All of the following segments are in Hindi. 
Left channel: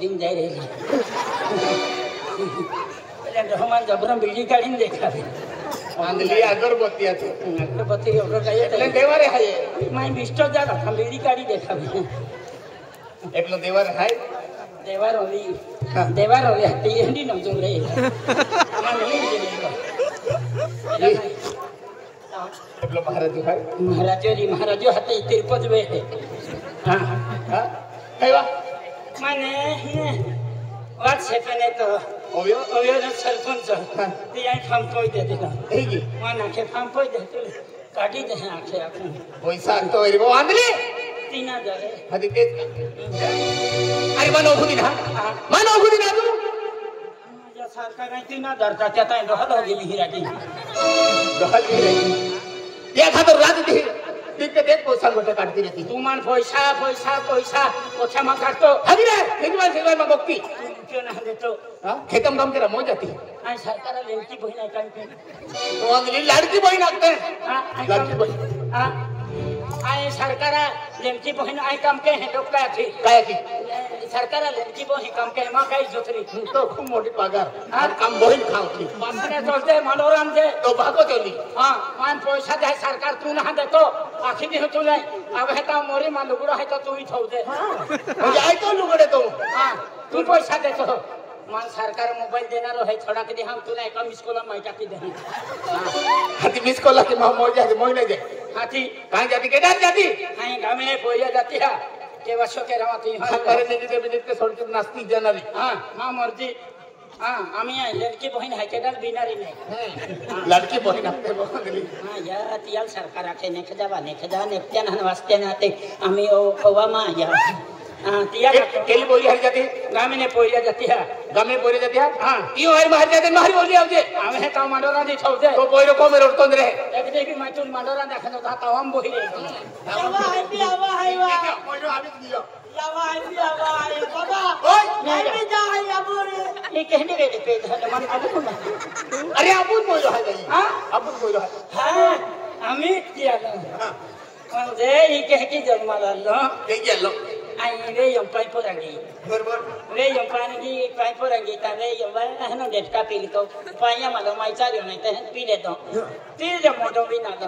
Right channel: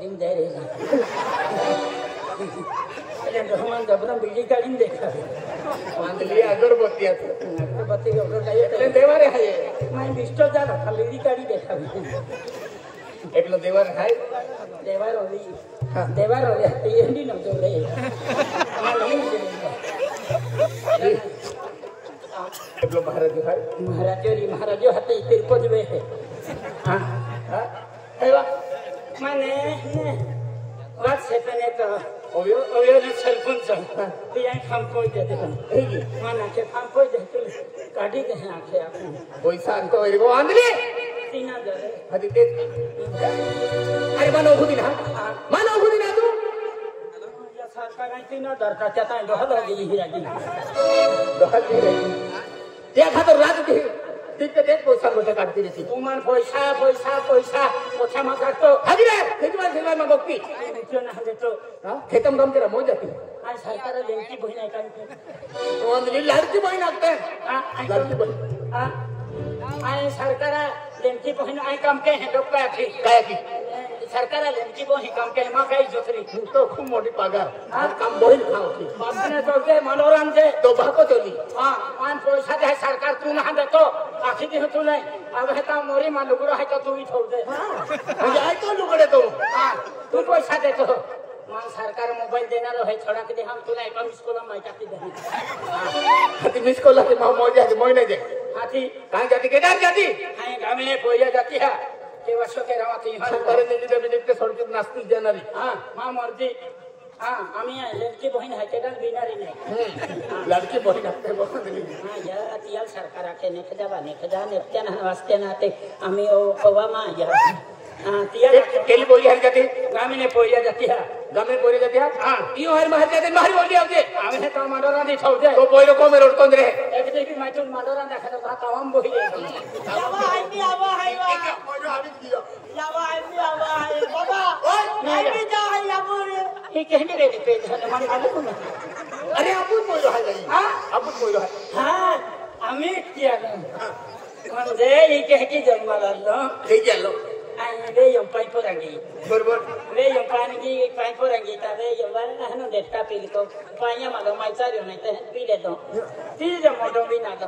दिन जाए रे ले रहमान जबरन बिजली काढीन देखा आंधली अगरबत्ती आहे अगरबत्ती एवढं काय एकलं देवारे आहे माय बिस्टो जा बिजली काढी देखा एकलं देवारे आहे देवार ओली देवार ओली हट्टी एंडी नजो रे एकलं महाराज हाते तिरपज वे हां हां अयवा माने वाट सेपने तो ओयो सरपंच ते या काम कोई दे देला हेगी माना के काम कोई दे काढी दे आखे आपण पैसा आणतो रे वो आंधली 3000 आधी तेच आई मानव होती ना तू माझ्या सरकार 3000 चा त्या काय दहल गेली हिराडी दहल गेली त्या खातर राज दे ती ते पैसा मोठे काढती रे तू मान पैसा कोठा मा काढतो हदी रे निजवा मा बक्की क्यों ना देतो हां हे काम केला मो जाती आ सरकार लेंची बहीण आहे काय तो आंधली लाडकी बहीण लागते लाडकी बहीण हां आय सरकार लेंची बहीण आहे काम के हे लोक काय की सरकार लेंची बहीण काम के मा काय जोतरी तो खूप मोठी पगार आणि काम बहीण खावती मानने चलते मनोरंजन से तो भाको चली हां मान पैसा दे सरकार तू ना देतो आखी दी तू नाही अब हे ता मोरी मा लुगडो आहे तर तुम्ही ठेवते जाय तो लुगडे तो हां तू पैसा देतो मान सरकार मोबाईल देणार आहे थोडा किती हा तुला एका मिस कॉल माहिती टाकी दे हाती मिस कॉल के मोय दे मोय नाही दे हाती कहां जाती केदार जाती हाय गामे पहिल्या जाती हा केव्हा शोके राहती हा करे नेली तर बिनेत के सोडते नास्ती जनाली हां मा मर्जी हां आम्ही लडकी बहीण आहे केदार बिनारी नाही लडकी बहीण असते बघली हां या तियाल सरकार आखे ने खदा नेत्या ना वास्ते ना ते आम्ही ओ कवा मा या तिया केली बोली हरी जाती गामे ने पहिल्या जाती हा गामे बोली जाती हां तीओ हरी बाहेर जाते बाहेर बोली आवते आम्ही हे काम मनोरंजन ठेवते तो पहिलो कोण रडतोंद रे एक देवी माहिती मनोरंजन दाखवतो का कावाम बोली यावा हायवा पहिलो आम्हीच दियो यावा हाय बाबा हायवी जा यावो रे ई कहने रे पे मन मालूम अरे आपण बोललो आहे हां आपण बोललो आहे हां आम्ही तिया म्हणजे ई कह की जन्माला आलो हे गेलो आई रे यम पाइपर आगी बरोबर रे यम पानी पाइपर आगी ता रे यम है ना डेटा पी लो पाया मला माइचा रे नहीं ते पी लेतो तीर जे मोटो भी ना दो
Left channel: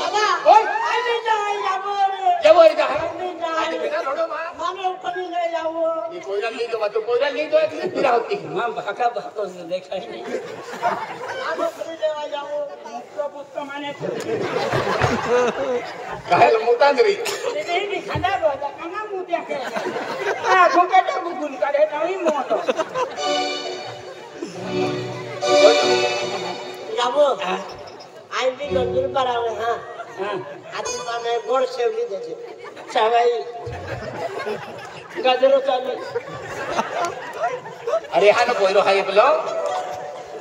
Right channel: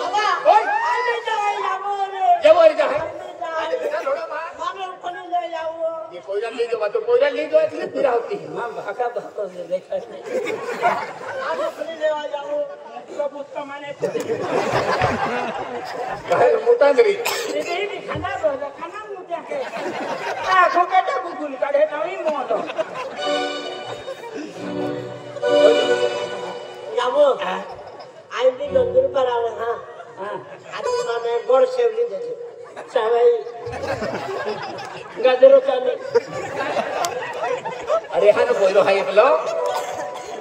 बाबा हायवी जा यावो रे जेवर जा हायवी जा बेटा लोडो मानो कोणी ले यावो ये कोयरा ली तो कोयरा ली तो इतनी पीरा होती मां भाका भाको से देखा नहीं मानो कोणी ले यावो मुक्तो पुष्ट माने काय मोठा घरी ते भी खाना बोला खाना मुत्या के आ घोंटा गुगुन करे नाही मोनो यावो आयवी गंदूर परावे हां आज माने गोड शेवली देते चावाई गाजरो चाली अरे हा ना कोयरो हाय आपलो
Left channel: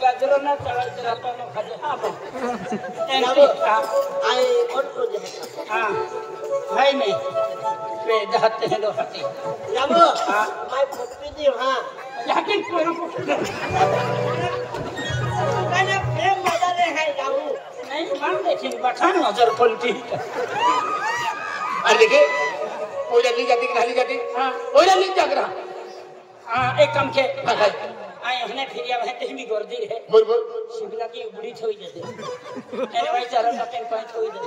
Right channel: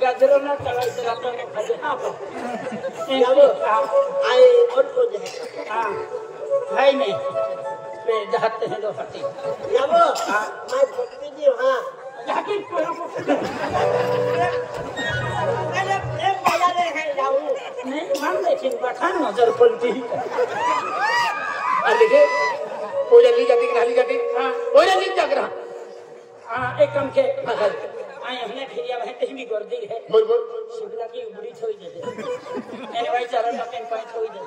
गाजरो ना चलायचं रातो ना खाजे हां यावो आय गोड को दे हां हाय नाही वे दहते हैं दो हटी यावो माय पुत्री दी हां लेकिन कोई को मैंने प्रेम माया ले है यावो नहीं मान लेकिन बठान नजर पलटी अरे देखिए कोयरा ली जाती कि नहीं जाती हां कोयरा ली जाग रहा हां एक काम के आय हमने फिरिया है ते भी गर्दी है बरोबर शिवला की उबड़ी थोई देते अरे भाई चलो जाते कोई थोई दे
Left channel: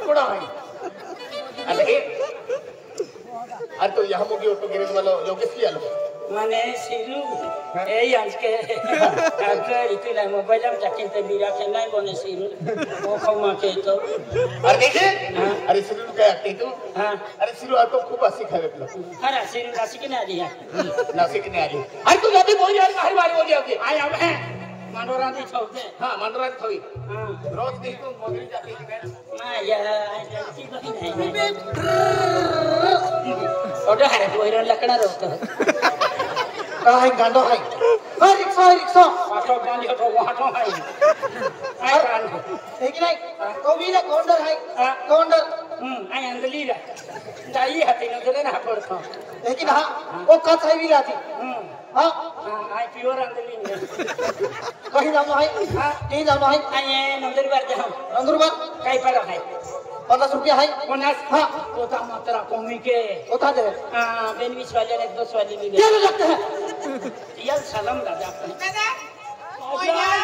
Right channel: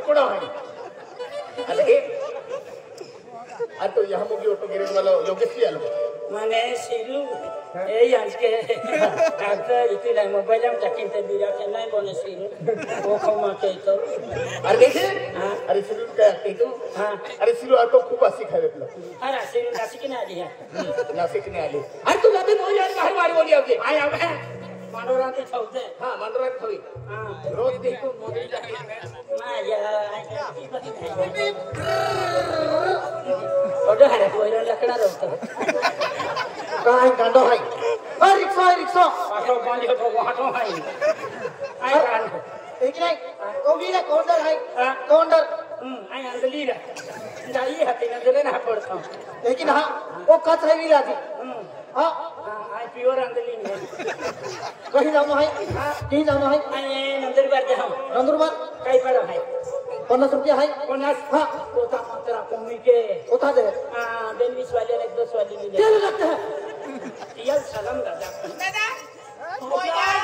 कुकडा भाई अरे तो यहाँ मुझे ऑटो गिरे वाला लोकेश भी आलो माने सिरू ए यांस के आपके इतने मोबाइल में चकिते बिरा के नहीं बने सिरू वो कमा के तो अरे देखिए अरे सिरू क्या आती तुम हां अरे सिरू ऑटो खूब आसी खावे अपना हां सिरू नासिक ना दिया नासिक नहीं आली अरे तू जाती बोल यार बाहर बाहर बोल जाती आय अब है मनोरंजन छोड़ते हाँ मनोरंजन थोड़ी हां रोज देखो मोदी जाती है ना या आई की बहन है ओडो है कोई लकड़ा रोकतो काय गांडा भाई रिक्शा ऑटो बंद को ऑटो है आई कान देखी नहीं तो भी ले कौंडर है कौंडर आई अंदली रे जाई हते नजरे ना पड़तो लेकिन हाँ वो कथ है भी लाती हाँ आई प्योर अंदली ने कहीं जानो है हाँ ती जानो है आई नंदर बार जा रंदुरबाद कई पड़ा है 50 रुपया है 50 हाँ तो था मात्रा कमी के उठा दे बेन 20 वाले ने 10 वाले भी क्या लगता है यार सलाम दादा दादा ओ यार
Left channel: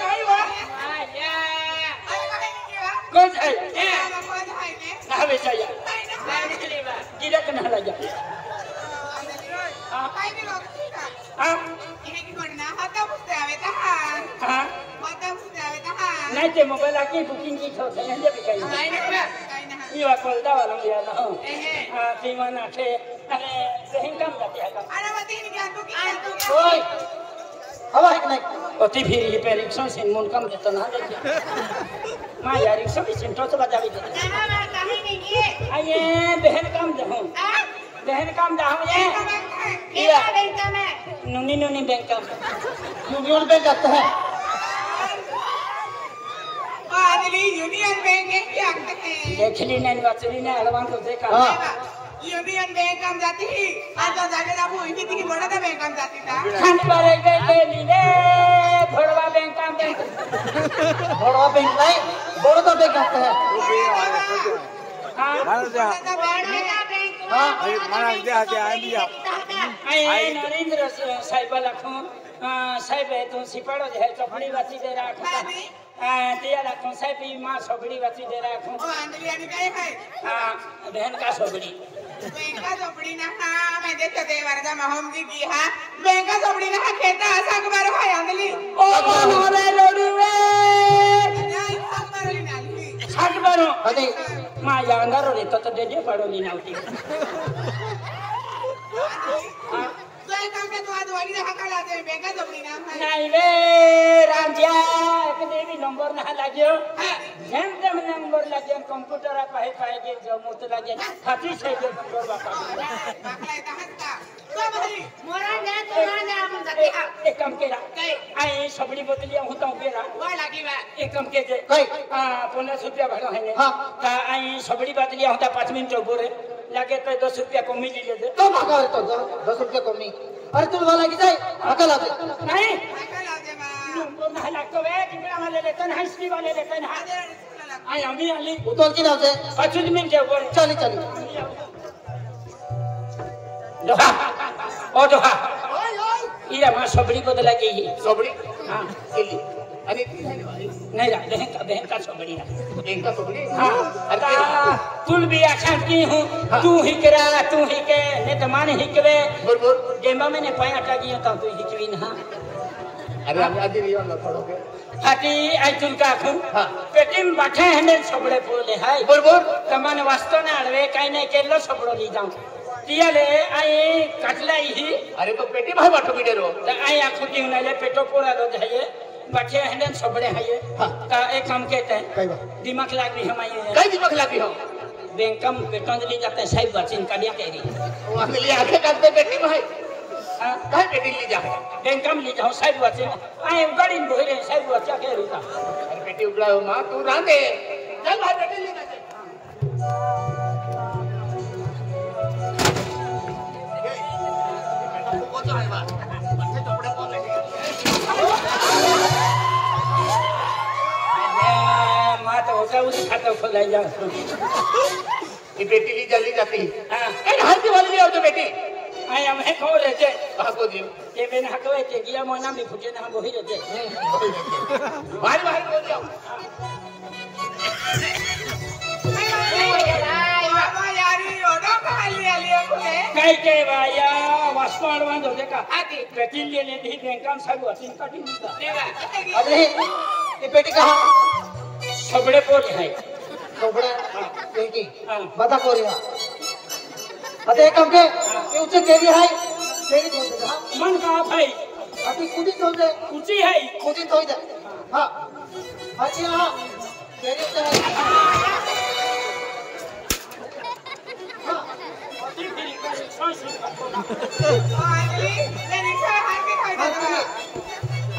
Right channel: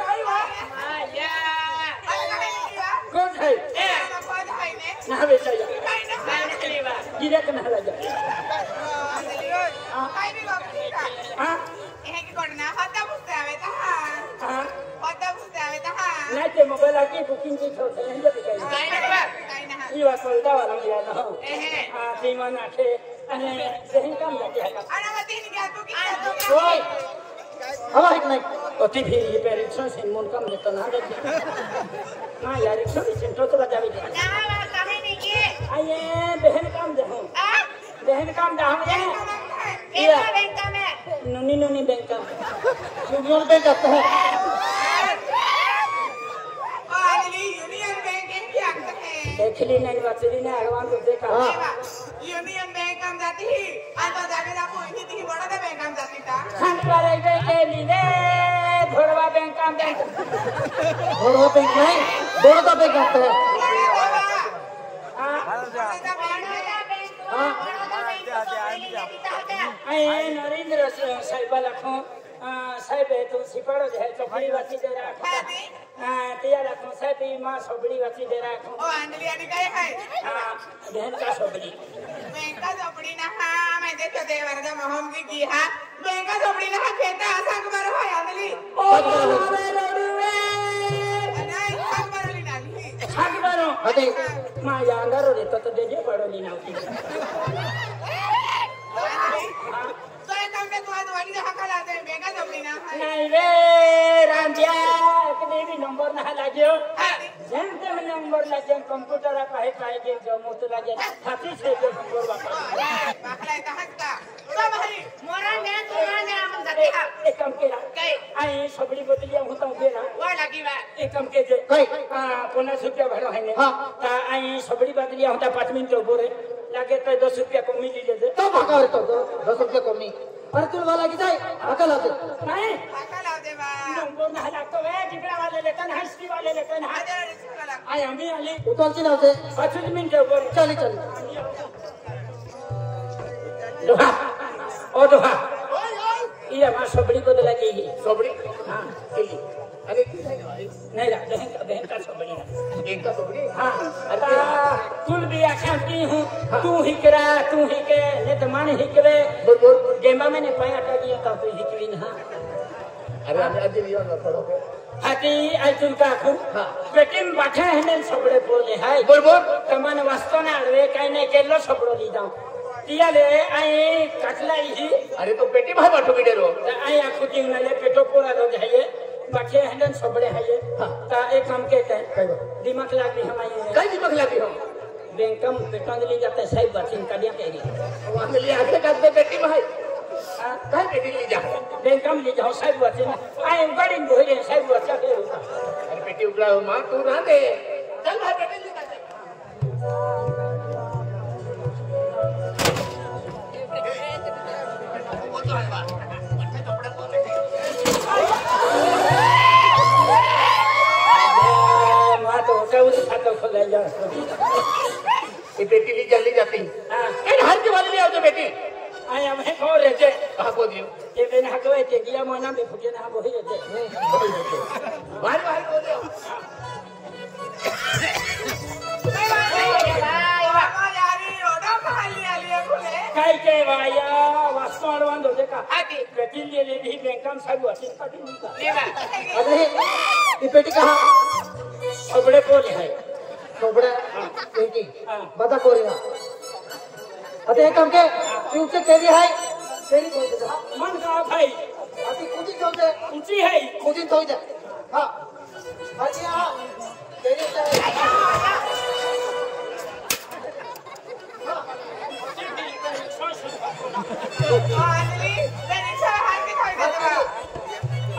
काय वाट अरे काय नाही वा कौन है ए कोण आहे ने ना बेचाया काय ना लेवा गिरा के ना लाजा काय नाही बघता हां हे की कोणना होता पुस्तक आहे का हां होता पुस्तक आहे का नाही ते मोबाईल आकी बुकिंग की ठेव आहे ना बेचाया काय नाही बा काय नाही ये कळदा वाला लिया ना हो एहे ते मना थे आणि ते काम जाते आहे अरे मग ते घ्या बुकिंग करतो का ओय हवा है कि नहीं ओती फिर ये पे रिक्शा से मन कम देता ना देखे मां यार रिक्शा भी सेंटर तो बजा भी दे ना काही नाही ये आये बहन काम दे हो आ बहन काम दा हम ये केला बैंक में नुनी नुनी बैंक का यूनियन बैंक करते हैं यूनियन बैंक है क्या है देखली नहीं वाचली नहीं अलवान को देखा यूनियन बैंक हम जाती ही आज तो जाके आपको इनकी थी बड़ा था बैंक हम जाती था खाने वाले के लिए घरवा बैंक काम दे बड़वा बैंक नहीं बड़ौदा बैंक करते हैं बड़ा था हां आई नरेंद्र साहिब लाखों साहिब तो सिपाड़ो है चपड़ी वाची दे रहा तिया लाखों साहिब मां सोबड़ी वाची दे रहा ओ अंजलि यानी काय है बहन का सोबड़ी बैंक का सोबड़ी ना हां मैं देखो दे वरदा महंगी की हां बैंक का सोबड़ी ना खेता संग बार है अंजलि ओ मारे लोड़ी वे नहीं संग बार ली नाली संग बारो अरे मां यांगारो रे तो दे दे पड़ो नी नाउती तो एक काम पे तो आज वाली हका लाते बैंक का सोबड़ी ना नहीं वे रामजिया कदे भी नंबर ना लाग्यो हां जेंते में नंबर लाग्यो कंप्यूटर पाए पाए के जो मुत लागे हाथी से जो नंबर वाका बाखला इता हक्का तो भारी मोरा ने तो ना ने हम जाते हा एक कम के कई आई सबड़ी बदलिया होता गेरा वो लगी बा एक कम के जे कई 50 रुपया भरो है ने हाँ। ता आई सबड़ी बदलिया होता 5 मिनट बोरे लागे तो 10 रुपया कमी ले ले तो भागा तो 10 रुपया कमी अरे तुम वाला की जाए भागा लाते नहीं हका लाते बा नंबर ना लागतो वे जिबरा वाले लेतन हाईस्ट्री वाले लेतन हा आदर रिस्क लगा आई आम्ही आली उतल की नाव से 5 मिनिट बोरे चली चली दोहा ओ दोहा ओय ओय ये हमार सबड़ी बदला गई सोबड़ी हां किली अरे की है वाली नहीं ला बहन का सबड़ी है बैंक का सोबड़ी हाँ अरे तुल भी आख्यान की हूँ तू ही करा तू ही के ने तो मान ही के बोल बोल गेमा मैंने पाया टागी तब तो ही की ना अरे हम आज ये वाला थोड़ा हाथी आई तुम का खूं हाँ। पेटिम बैठे हैं सबड़े बोले है बोल बोल तमान वास्तव ना अड़वे कहीं नहीं के लो सबड़ो ली जाऊं तिया ले आई कटला ही अरे तो पेटी भाई बाटो बिडेरो तो आई आँखों की उन्हें पेटो पूरा लो जाइए बैठे हैं सबड़े हैं ये हाँ। ता एक हम कहते हैं कई बात दिमाग लाग रही हमारी कई दिमाग लगी हो बैंकम पेटों ले जाते हैं साहिब बच्चन का दिया तेरी वहां ले आके काटते पेटी भाई कहां पेटी ले जा बैंकम ले जाओ साहिब बच्चन आई गाड़ी में बोले साहिब बच्चा के रुका अरे पेटी उड़ा मां तू ना दे चल भाई पेटी ले जा वो तो है बा बच्चे कपड़े कौन लेके मां तो होता उस खाता खोलाई जा ये बेटी ली जल्दी जाती हां है हर दिवाली ले और तो बेटी आई हम है खो लेते कहा को दियो ये मैंने हकवे के किया महीना में फुटे ना वो ही लेते बाहर बाहर बोल जाओ भाई भाई बाबा यारी ओडो खाली आली कोने काय के भाया वास्कोड वंदो देखा आती बेटी ले ले भी बैंकम साहिब बच्चन का दिन का लेवा अरे ये बेटी कहा सबड़े को है सोबड़ा हां बेटी हां बता कोरिया अते काम के ऊंचे केली है केली तो दे मन का भाई अति कुदी तो दे ऊंची है कुदी तो दे हां अच्छा हां केली तो हां अंजलि ले रिक्शा हार के खाई देबा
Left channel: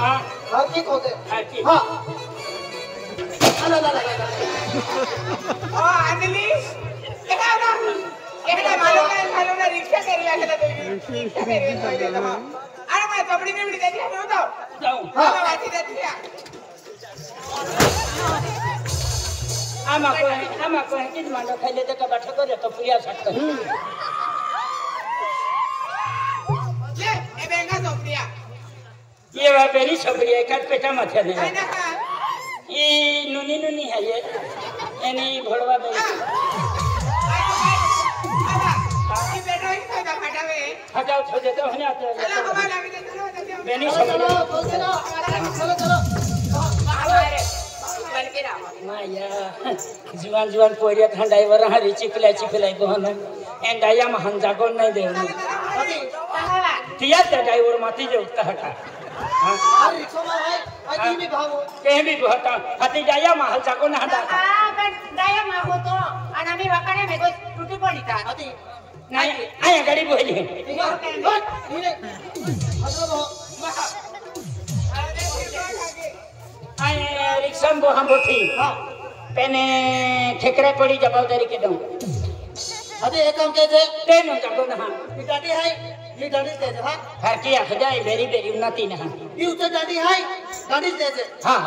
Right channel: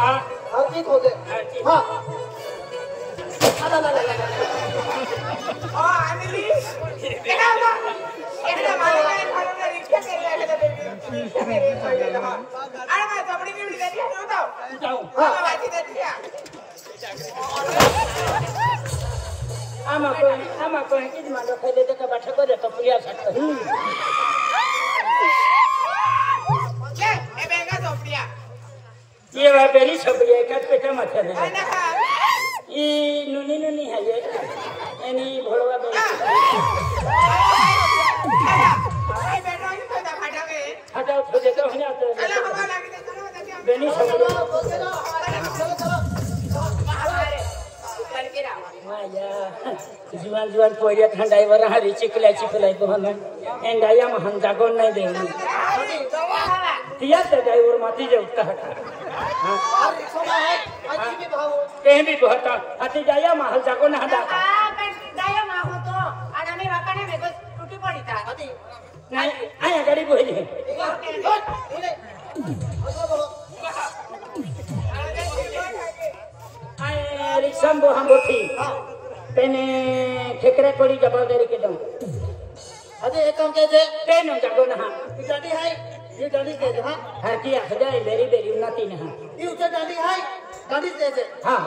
हां हां ठीक हो दे हां ला ला ला ला ओ अंजलि केना ना केना मालूम है खालो ना रिक्शा केला अरे मैं सबड़ी में भी दे दिया तो जाऊं हां बाती दे दिया आमा को किस मानो खाइले त का बाठा करे तो पुलिया सकता ले ए बेंगा झोपड़िया ये है बेरी छपड़ी एक पेटा माथे ने है ना हां ई नुनी है ये एनी भोलवा बे ए बेटा ही कोई दा फटावे हटाओ छोड़े तो हने आते चलो हवा लगी दे चलो बेनी छपड़ी माया जीवन पोरे ठंडाई वर हरी चिकलाई बुहन एंडाया महन जागो नहीं दे तिया ते ड्राइवर माती जे उठता हटा हां रिक्शा में है आजी भी भाव कहीं भी बहता हाथी जाया महल जागो ना हटा पण जाया मा होतो आणि आम्ही वाकाने मेगो टुटी पडीता हाथी नाही आया गाडी बोली आए रिक्शा में हम बोथी पेने ठेकरा पड़ी जवाबदारी के दूं अरे एक काम कहते तेनु जागो ना डांडी है ये डांडी दे दे हां हर की आख जाए बेरी उन्नति ना ये उते डांडी है डांडी दे दे हां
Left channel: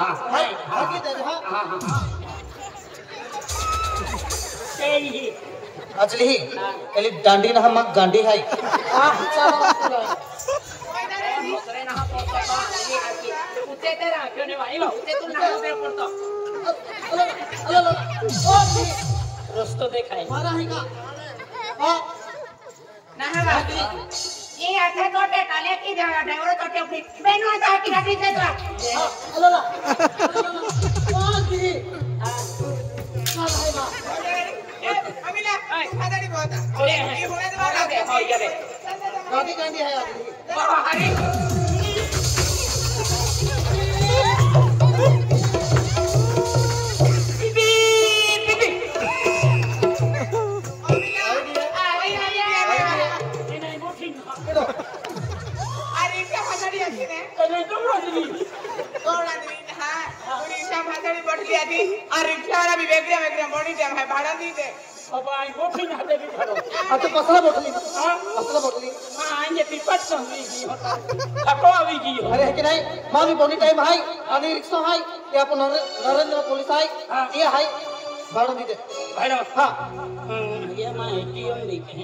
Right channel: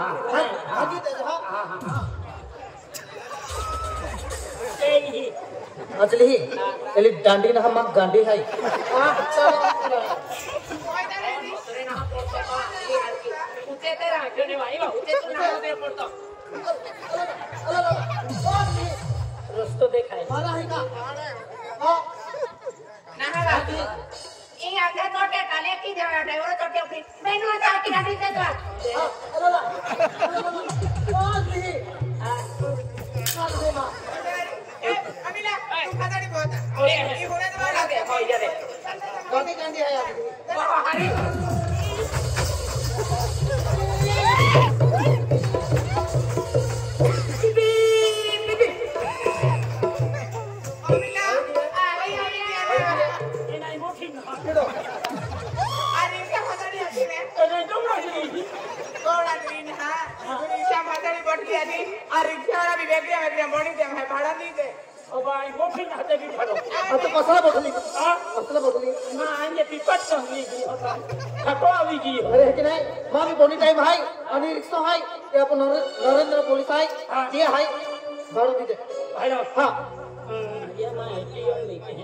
आगे दे दे हां सही अचली ही एली डांडी ना हम गांडी है उते ते राखने वाली उते तू ना उते पडतो रस्तो देखाय मारा है का हां ना बाकी ये आता तोटे काले की ड्राइवर तोटे बेनो आता की गाडी से तो ओ दी मारा है मां ए अमिला तू खादारी बोता ये होने दो दे हो ये दे गांडी गांडी है अचली हरी अमिला नहीं मोठी ना अरे क्या खादारी आती ने नहीं दौड़ा दी कौन आदमी ने हां रिक्शा खादारी बैठ गया थी और रिक्शा वाला भी वेगळा बड़ी टाइम है भाड़ा दी दे अब आई मोठी ना हटे की खड़ो अब तो मसला बदली हां मसला बदली मां आने पिपट संगी जी होता हटो अभी जी हो अरे कि नहीं मां भी बनी टाइम है अनि रिक्शा है कि अपन नरेंद्र पुलिस है ये है भाड़ा दी दे भाई ना हां ये मां एटीएम लेके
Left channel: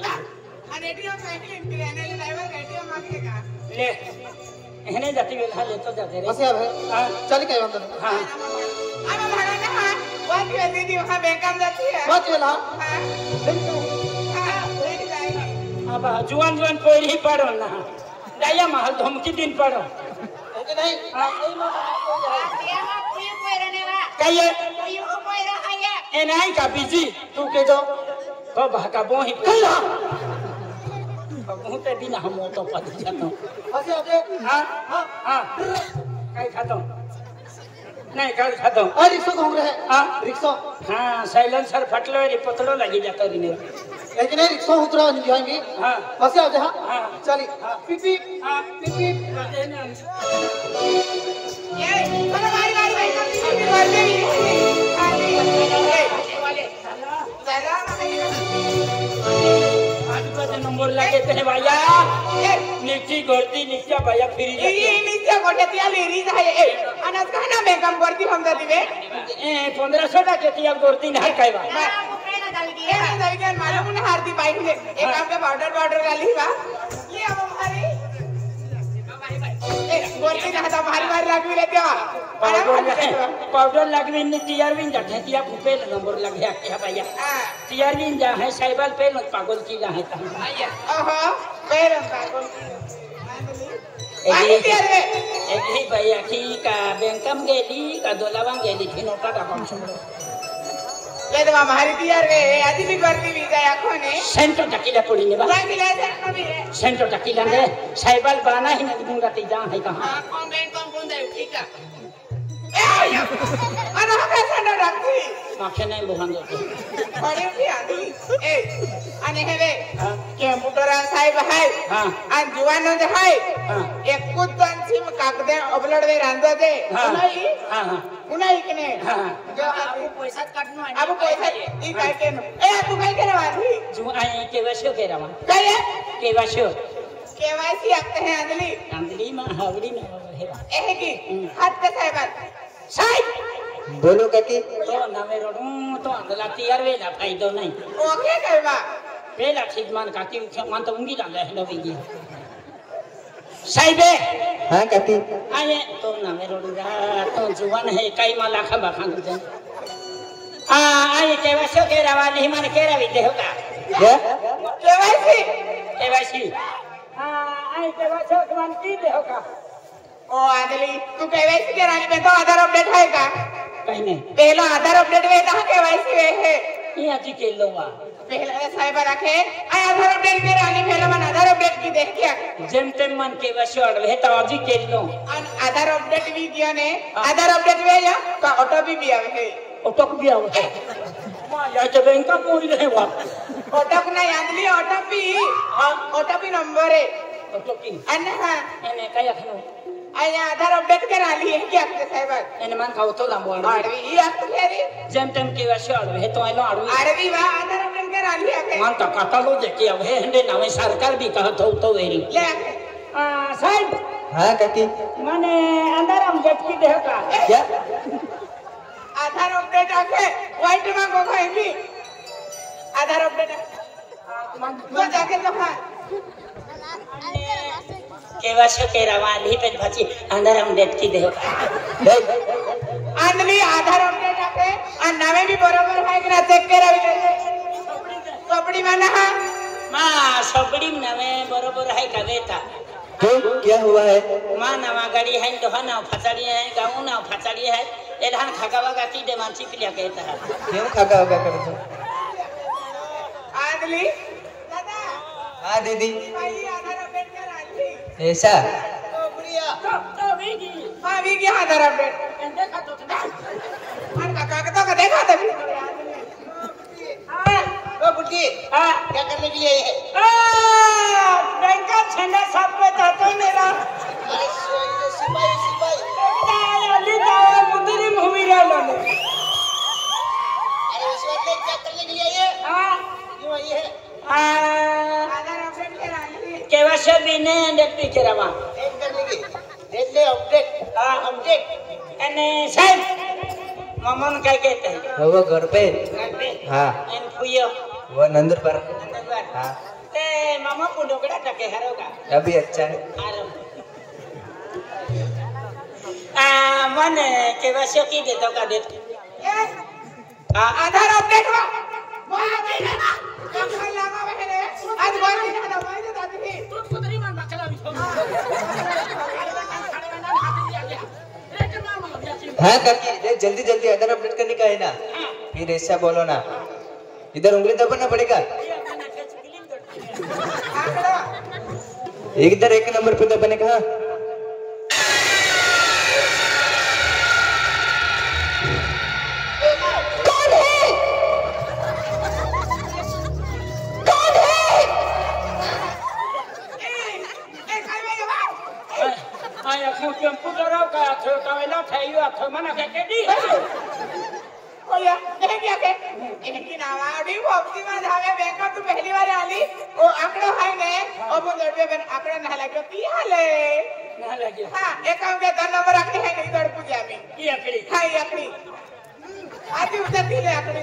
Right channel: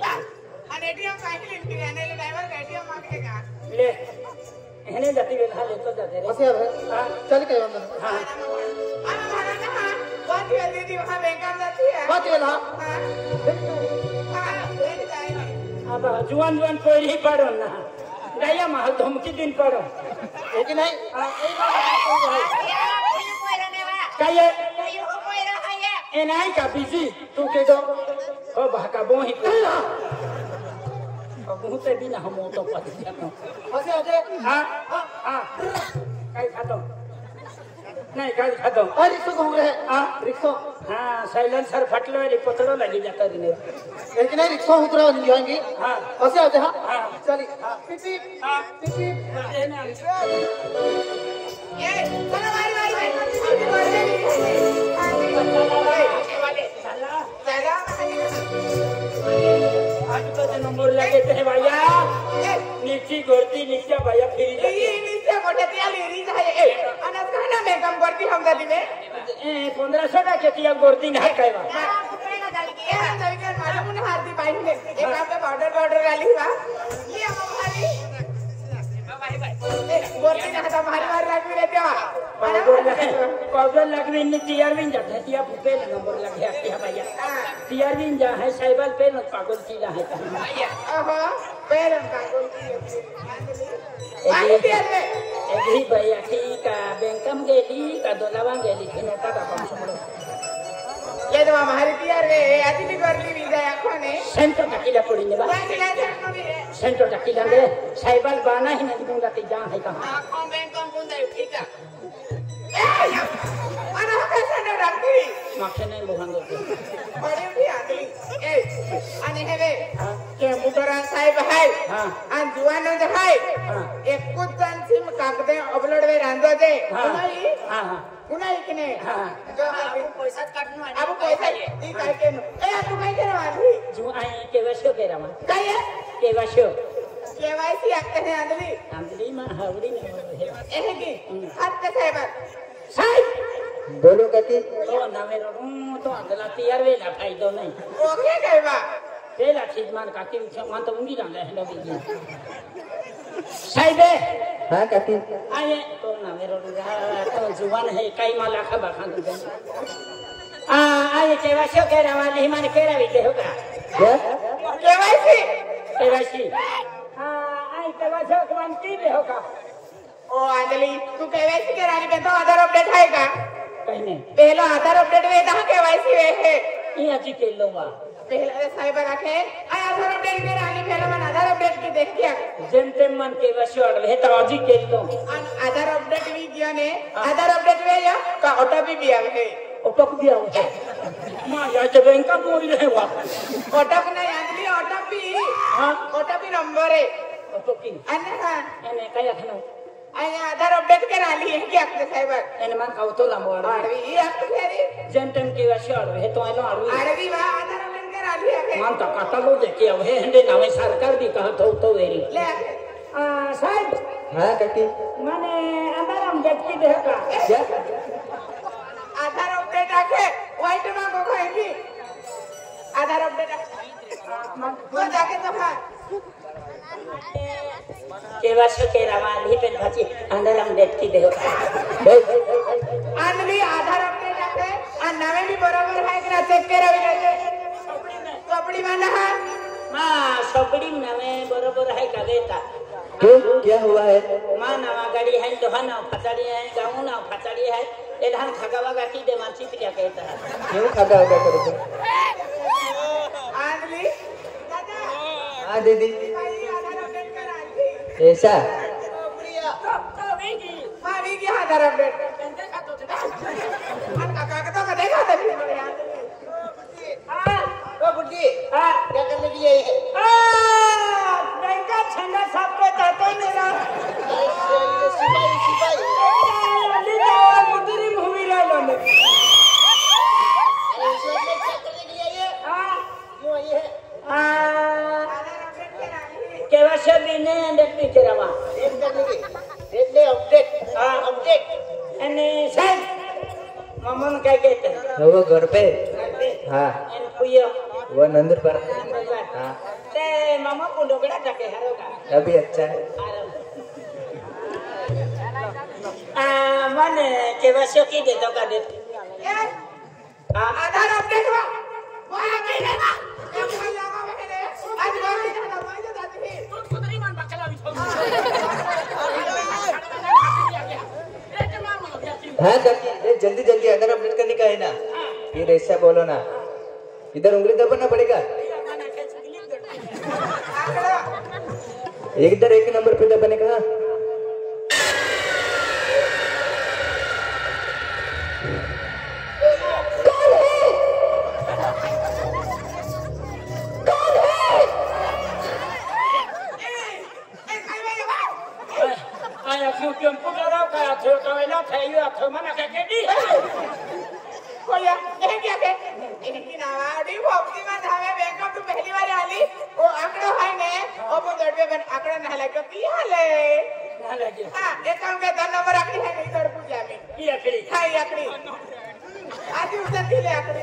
और एटीएम साइकिल इंटी आने ले ड्राइवर का एटीएम मांगेगा ले एहने जाती वे ले तो जाते रे बस अब हां चल के अंदर हां अरे भाड़ा ना हां बात करती थी वहां बेकार जाती है बात ये ला हां हां बैठ जाएगी अब जुआन कोई ही पड़ो ना दाया महल धमकी दिन पड़ो है कि नहीं हां आतिया कोई रहने वा कहिए कोई हो कोई रहा है एनाई का बिजी तू के जाओ को भाका बोही पड़ा बहुते बिना हम तो पद जानो आगे आगे हां हां काय खातो नहीं काय खातो आ रिक्शा घूम रहे हां रिक्शा हां साइलेंसर फटलो रे पतलो लगी जा करीने लेकिन नहीं रिक्शा उतरा नहीं है भी हां आगे आगे हां हां चली हां पिप पिप हां पिप पिप माते ना ये चलो मारी मार दे चला चला आज बस नंबर लगे थे भैया नीची गोलती नीचा भैया फिरी ये जाती नीचे कोटे तिया लेरी है ए अनस खाना में काम करती हम दादी में 1500 ना के तिया गोलती नहीं काईवा आपको पहला डाल ये दिया ना जाएगा मालूम ने हार दी बाइक ले एक काम के पाउडर डाली बा ये अब हमारी भाई बोलती ना था मार लगवी रहती है पाउडर लगवी नहीं तिया भी जाते तिया फुपे नंबर लग गया क्या भैया तिया भी जा है साइबल पे लोग पागल की ना है ओहो पैर पागल एक ही भैया की का बैंकम गेली का दोलावा गेली थी नोटा का काम ये तो हमारी तैयार गए आदि भी करती भी गया कोने सेंटर टकीला पड़ी नहीं बा भाई मिला से कभी है सेंटर टकीला दे साइबल बाना ही नहीं दूंगा ते जा है कहां हां कम बुंदा ठीक है ए अरे कैसा न रखती माथे नहीं बुहांगे बड़े भी आदि ए अने हेवे हां के बुटरा साहेब है हां अन जुवानो दे है हां एक कुतन सिम कागदे अपलोड दे रांदा दे हां हां उनाई कने हां आपको पैसा काटनो आहे अब पैसा ई काय के ए तू काय के वाली जो आए के वशो के रवा काय के वशो केवाईसी आते हैं अंजलि अंदली में हावड़ी में है एहे की हाथ पे साहेब साई बोलो के की तो नामे रोडू तो आंधला तैयार वेला खाई दो नहीं ओके करवा वेला ठीक मान काकी मान तो उंगी डाले है ना भैया साहिबे हाँ काकी आये तो ना मेरे रुगा तो जुबान है कई माला खबा खान दे आये केवासी के रवा नहीं मान केरा भी दे होगा क्या केवासी आये केवासी के मान की दे होगा ओ आदली तू केवाईसी कराने में तो आधार अपडेट है का कहने पहला आधार अपडेट में कहां केवाईसी है ये जी के लोगा पहला साहिब रखे आधार अपडेट में रानी पहला मन आधार अपडेट की देख क्या जेम तेम मन केवासी और है तो आज के लो आधार अपडेट भी किया ने आधार अपडेट में या का ओटीपी भी आवे ओटक भी आओ मां या जब इनका बोल रहे वा ओटक ना आदली ओटीपी हां ओटीपी नंबर है ओटकी अन्ना हां एने कया खनो आया आधार अपडेट कराली है क्या आपने साहिब एने मान का तो लंबो आड़वी ये आपके खेरी जेम तेम केवासी और है तो आलो आड़वी आड़वी वा आधार अपडेट कराली है मान का काटलो देखे अब है हंडे नावे सरकार भी कहत हो तो वेरी ले आके साहब हाँ काकी माने अंदर हम जटकी दे का क्या आधार अपडेट आके व्हाइट में को खाएंगी आधार अपडेट मन तो जाके तो खा केवासी के रवान ही पेन फची अंदर हम जटकी दे का आंधली आधार अपडेट आके और नामे भी बराबर है कि ना चेक करा कपड़ी में ना मां सबड़ी नवे बरोबर है का देता क्यों क्या हुआ है मां नवा गाड़ी है जो ना फचड़ी है गांव ना फचड़ी है ए धान खगावा की दे मानसी पिलिया कहता है क्यों खागा होगा करो तो आंधली दादा हाँ दीदी भाई आधार अपडेट करा ली ऐसा तो बीगी हां भी क्या आधार अपडेट देखा तो और काका तो देखा था ओ बुड्ढी क्या करने के लिए आई है बैंक का छंदा सब पे जाते मेरा अरे सिपाही अली जाओ मुद्री मूवी ले लो अरे इस वक्त क्या करने के लिए आई है क्यों आई है आधार अपडेट करा ली केवासी भी ने डेट भी करावा डेट करने की डेट ले अपडेट अपडेट एने साहब मामन क्या कहते हैं वो घर पे हाँ एन फुयो वो नंदुर पर हाँ ते मामा को डोकड़ा टके हरोगा अभी अच्छा है मन केवासी की दे तो का डेट आधार अपडेट हुआ वहां के ना कौन लगा बहने आज बाकी ना दवाई दे दादी थी तू कुतरी मन बकला भी छोड़ अरे ना हाथ दिया गया रे के मामा ब्यासी हाँ काकी जल्दी जल्दी आधार अपडेट करने का है ना फिर ऐसा बोलो ना इधर उंगली दबाना पड़ेगा ये माना के छगली दो इधर एक नंबर पे दबाने का आया क्यों कंप्यूटर का थे तो वेला खाइयो तो मना के दी ओए नहीं क्या के इनकी नावाडी भक्ति में धावे बैंक तू पहली बार आली वो आंकड़ा है गए अब दड़पे में आंकड़ा ना लगे पिया ले ना लगे हां एक काम के 10 नंबर आंकड़ी है नहीं दड़ पूजा में ये आखिरी हां ये आंकड़ी आज उसे दिले आंकड़ी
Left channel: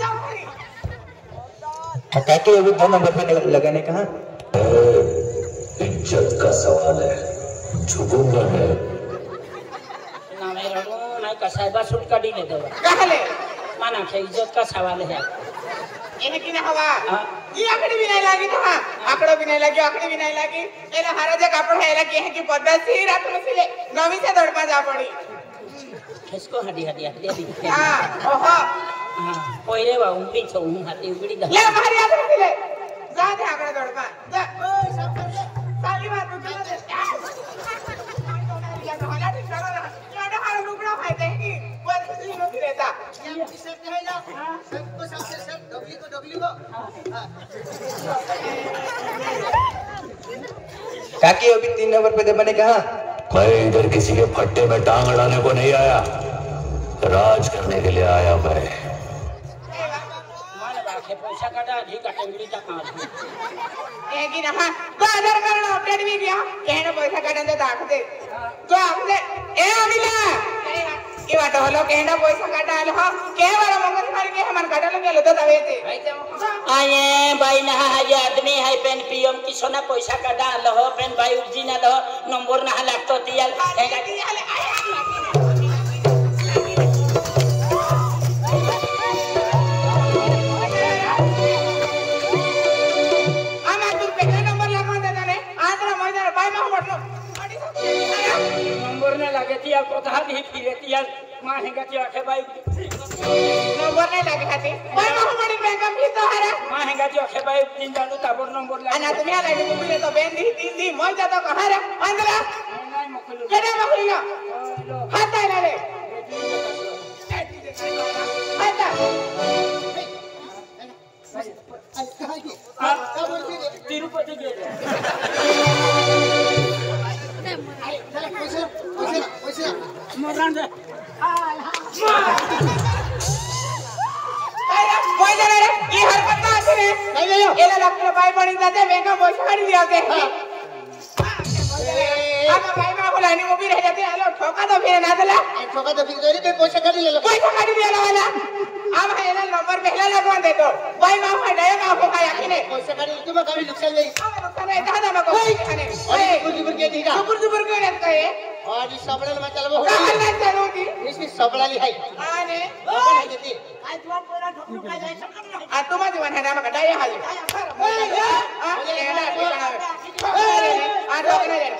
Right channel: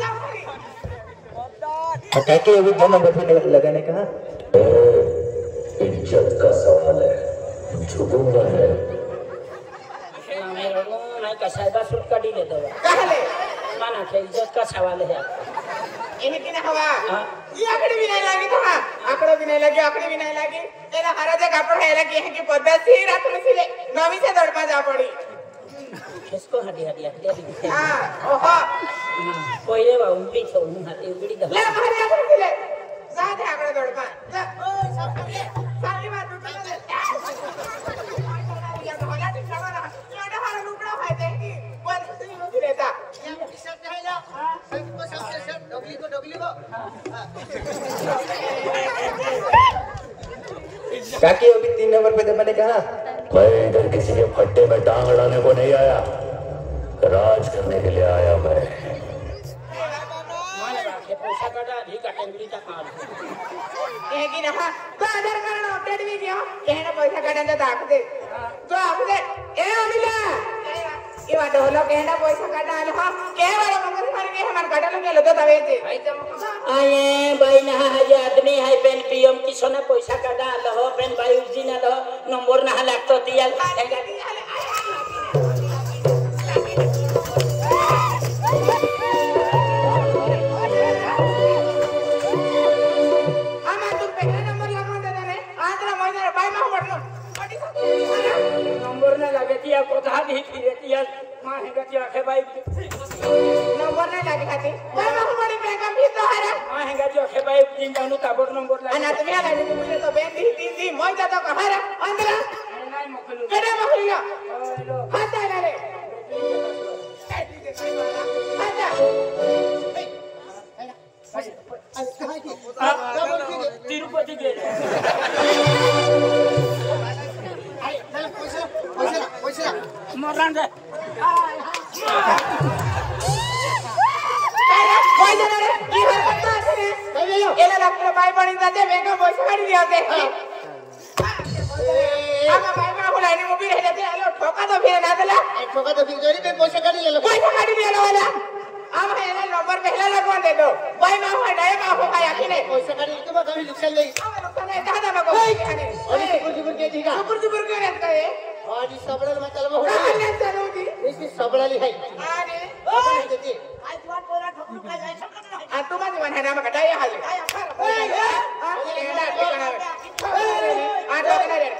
जाओ काकी अभी 2 नंबर पे लगाने का इज्जत का सवाल है झुकूंगा मैं ना मेरा रो नहीं का साहिबा सूट का डी ले दो कहले माना के इज्जत का सवाल है इनकी ना हवा ये आंकड़ी भी नहीं लगी था आंकड़ा भी नहीं लगी आंकड़ी भी नहीं लगी मेरा हर जगह कपड़ा है लगी है कि पद्धति रखने से ले नवी से दौड़ जा पड़ी किसको हड्डी दी हां ओहो पहिले वा उंगली छो हाथी उंगली दा ले बाहर आ ले साथ आंकड़ा दौड़ पा ओए सब कर ले साली बात रुक जा होला ठीक करो ना छोटा हां लुकड़ा खाए देंगी कोई नहीं रहता ये अपनी शब्द है ना सबको सबसे सब डोगली को काकी अभी 3 नंबर पे दबाने का मैं इधर किसी के फट्टे में टांग अड़ाने को नहीं आया राज करने के लिए आया मैं माने बाके पैसा कटा ढी का टेंगली ता काम है कि ना तो आधार कार्ड अपडेट भी किया कहना पैसा काटन जा दाखते तो आखदे ए अमिला इवा ढोलो केंडा पैसा काटाल हो के वाला मगज मार के हमन काटले गेलो तो तवेते आये भाई ना ये आदमी है पेन पीएम की सोना पैसा काटा लहो पेन भाई उजी ना दो नंबर ना लागतो तियाल हैगा आमा तू पहला नंबर लगवा देता रे आंतरा मजर भाई मा पड़नो अडी नंबर ना लागती या कोथा भी फिरती या मां हैगा की आखे भाई नंबर नहीं लगे हाथी भाई मा पड़ी बैंक में तो है मां हैगा की आखे भाई दिन जानू ताबड़ नंबर लागे अना तुया लागे तुले तो बेंदी तीन मोजा तो कहां रे अंदरा नहीं मखलो केडे मखलिया ओलो हाथ आले रे चाटी दे काय वाला हाथ तिरुपति गेले मरण रे कोई जरा रे ये हरकत तो आती रे एला लगता भाई बड़ी जाते बैंक में पैसा काट दिया होते आमा भाई मा को लाने को भी रह जाते अरे ठोका तो फिर ना दला ठोका तो फिर गरीब पैसा काट ले पैसा काट दिया वाला आमा एला नंबर पहला लगवा दे दो भाई मा को नया मा को खाया कि नहीं पैसा काट तुम कभी नुकसान नहीं आमा नुकसान है दादा लोग ओए कुछ के दीरा सुपर के रहते हैं और ये सबड़ा में चलबो कहां चलोगी इसकी सबड़ा ली है अरे काय तुम पोरा ठोकलू काय जाय सकत नाही आ तुम मन है नाम कटाया है काय आ एला ठिकाना आ तो ना रे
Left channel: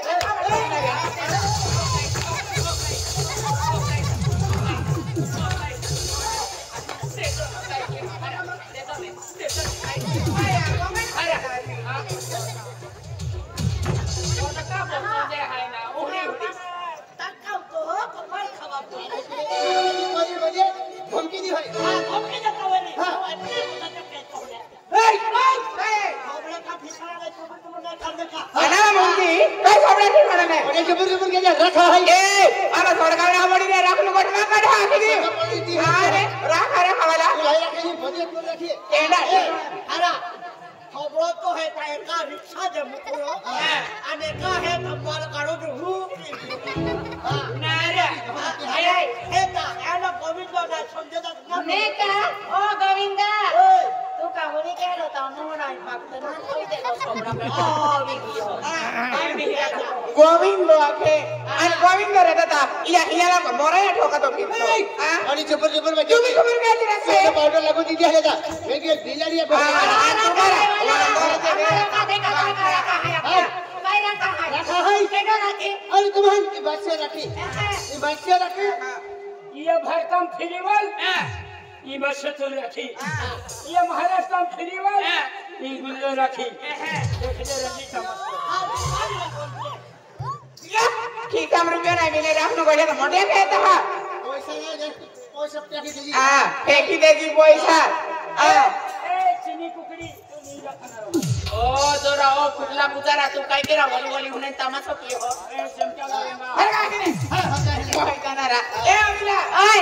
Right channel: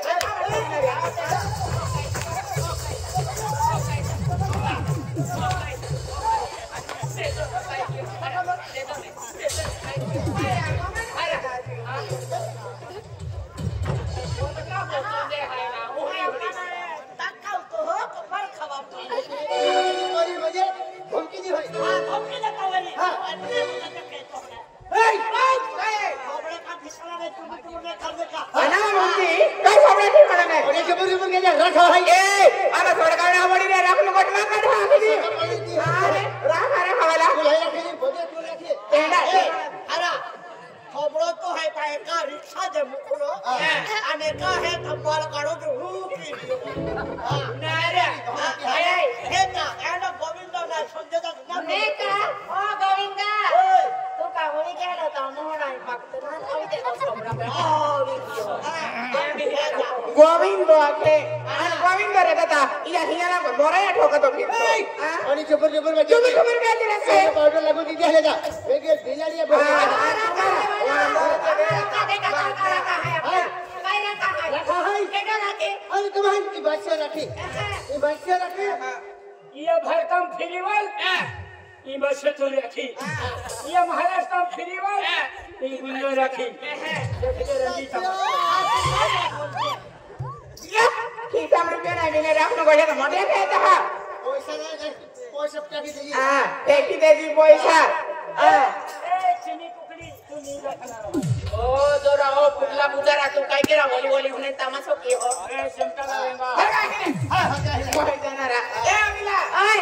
धमकी दी है धमकी देता वनी अटले होता का कहतो होना खबरे का ठिकाना नहीं तुम नहीं कर देखा अना मुंगी काय खबर ठिकाना नाही अरे जबर के जा रखा है ए आना थोड़ा खाना पड़ी रे राख लो कोट में काढा आखी अरे राख रे खाला लाया रखी बदे तू रखी अरे खबरो तो है का रिक्शा जम करो अने का है धमाल काढो जो हु की ना रे हे ता एंड गोविंद ना संजय ना नेता ओ गोविंदा तू काहुनी के रहता मोहरा भक्त ना कोई दे गोविंद के अन गोविंद रे दादा इला हिला को मोरे ठोका तो फिर आणि जबर में तू भी खबर काय रे से पाउडर लागू दी है ना वेगे बिलाड़ी है रखा है अरे तुम्हारी की बात से रखी ये बात से रखी ये भरतम फ्रीवल ये बस तो रखी ये महाराष्ट्र फ्रीवल ये गुल्लो रखी देख ले रंजीत की काम रुपया नहीं मिले राख लो गड़े मोटे कहता है पैसा ना पैसा टाकी दे हां फेंकी देगी पैसा ए चिनी कुकड़ी तू नहीं रखना रहो ओ जोरा ओ कुटला गुजारा तू काय केरा वली वली हुने तमाशो के हो अरे चमका लगेगा हर का के हां हर का है जाना ए अगला ओए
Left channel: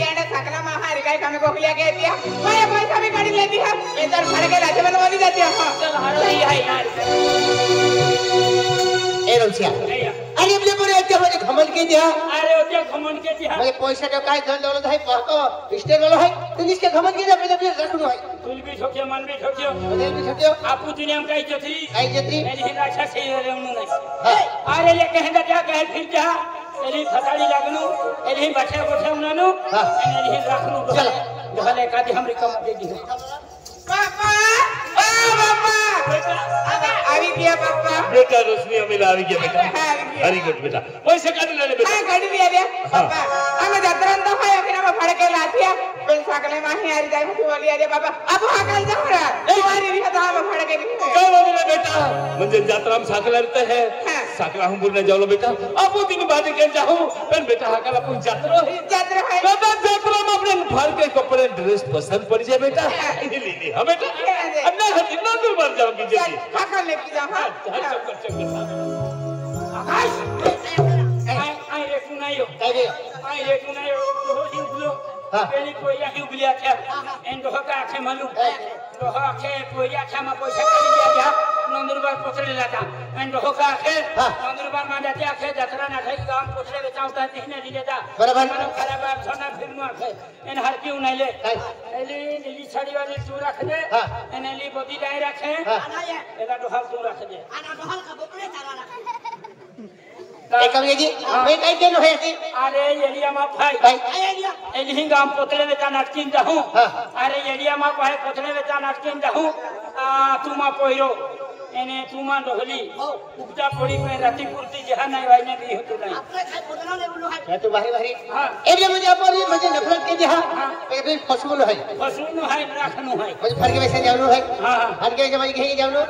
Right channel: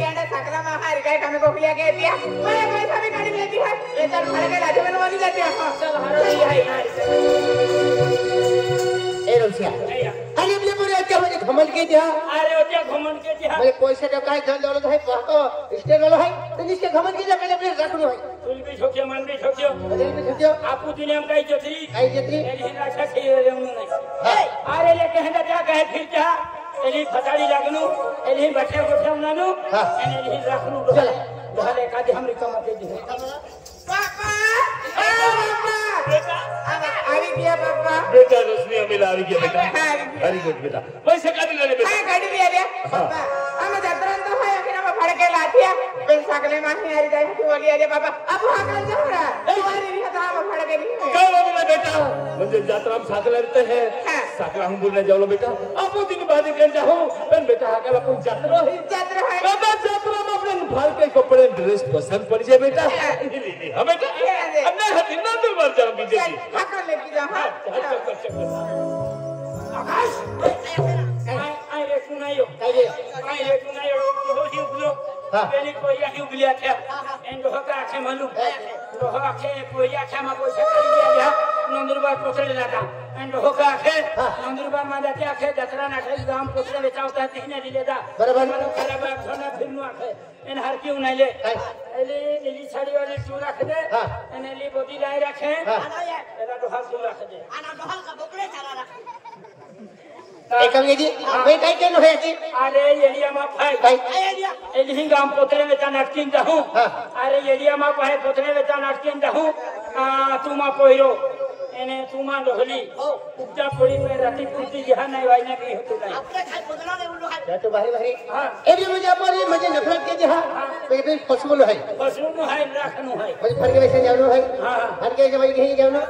ये ना सकला महार काय कमी कोकलिया कहती है मैं पैसा भी काट लेती है इधर फड़ के लाजे बनवाली देती है चल हर रही है ए रमसिया अरे बोले बोले क्या बोले घमंड के दिया अरे ओ क्या घमंड के दिया बोले पैसा का काय धन दौलत है पाको स्टेन वाला है तुम इसके घमंड के पहले भी रखनो है तुल भी ठोकियो मन भी ठोकियो बदल भी ठकियो आपू दुनिया में कही जथी आई जती एली राक्षा से उन्नु नहीं आले ये कहंदा क्या कहे फिर क्या एली फताड़ी लगनु एली बैठे गोठम नानु एली रखनु भले का दे हमरी कम दे दी पापा ओ पापा बेटा अभी किया पापा बेटा रोशनी अमिला आ गया बेटा वेरी गुड बेटा वैसे गाड़ी ले ले बेटा हां गाड़ी ले ले पापा हमें जतरन तो है फिर हम फड़ के लाती है पेन सकले माही आ जाए तो बोली अरे पापा अब हाकल जा रहा हमारी भी था हम फड़ के लिए काय बोलले ना बेटा म्हणजे जात्राम साखला रहता है साखला हम बोलने जाओ बेटा आपू दिन बाद के जाऊं पण बेटा हाकला कोण जात्रा है जतर है बेटा जात्रा में अपने भार के कपड़े ड्रेस पसंद पड़ जाए बेटा ले हम बेटा अन्ना हती ना दूर मर जाऊंगी जल्दी हाकल लेके जा चक्कर चक्कर आई रे कुनायो तो हो ही उगलो पहले कोई आके उगले आखे एन दोहा का आखे मालूम दोहा आखे कोई आखे मा पैसा काढी लिया जा नंदुरबार पोचले जाता एन दोहा का आखे नंदुरबार मा जाते आखे जत्रा ना खाई गांव पोचले बेचावता नहीं दिलेता बराबर खराब सोना फिरनु आखे एन हर क्यों नहीं ले एली नीली साड़ी वाली तू रख दे एन एली बोती लाई रखे आना ये एला दोहा तू रख दे आना दोहल का बोकड़े चारा रख एकंगे जी मैं काय केलो है ती अरे एलिया मा फाई आया दिया एली गांव पोचले बेचा नाटकिन जाहूं अरे एलिया मा पाए पोचले बेचा नाटकिन जाहूं तू मा पोइरो एने तू मा ढोली उपटा पड़ी पे राती कुर्ती जहां नहीं वाइना की होती नहीं आपने काय बदला ले बोलू है तू बाहेर बाहेर हां एरिया मध्ये आपण म्हणजे नफरत के जी हां पे फसवून आहे फसून है राखनु है म्हणजे फरके पैसे जावलो आहे हां हर के जमाई घेई जावलो